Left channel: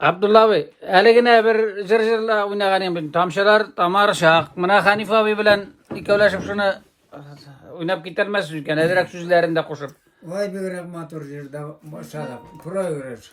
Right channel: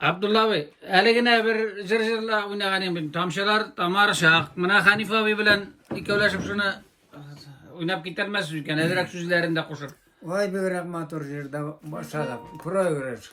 Abdullah abi, hele yine bir cırcırla oynayacağım ben. Tamşalar tamar şak. Mına Hanif abi bilen ikavlaşıp şunu oynap gidermez ülken. Ederek süzlerinde koşup. Vay be rahmatur yerde başladık. Pro öğret.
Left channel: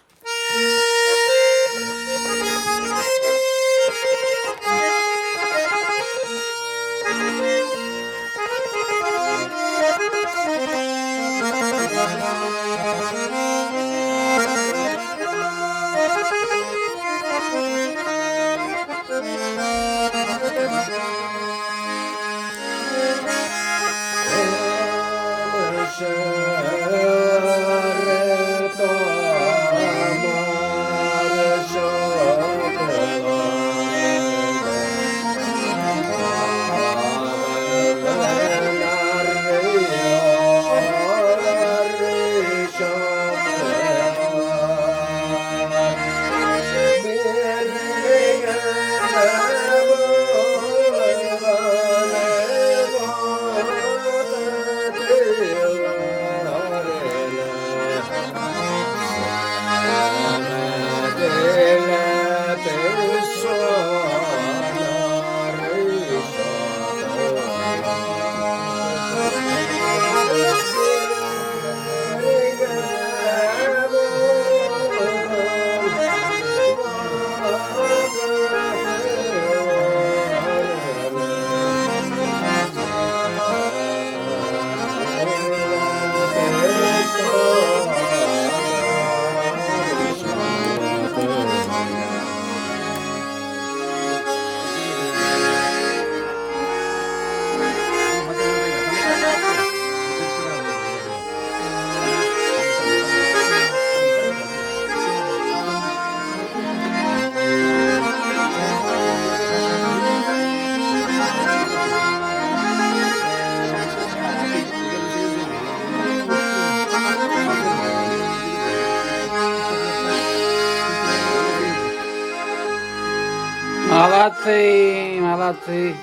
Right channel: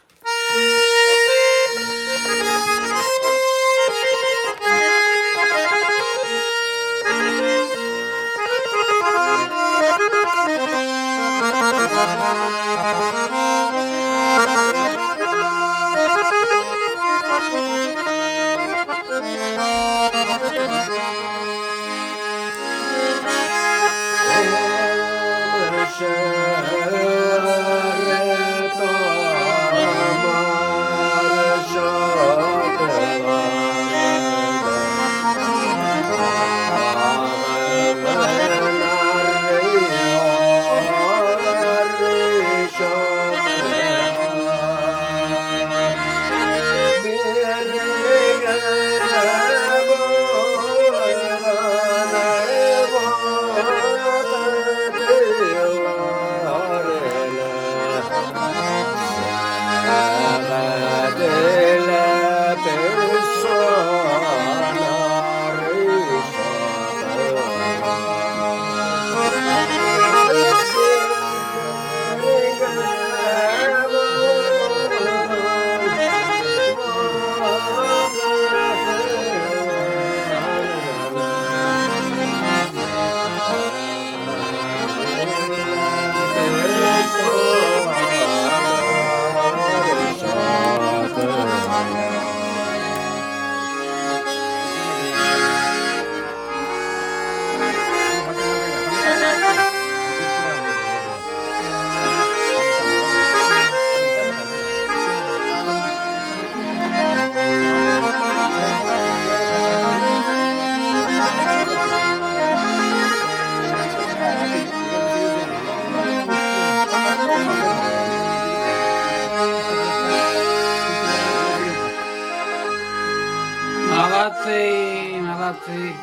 Malacy, malacy.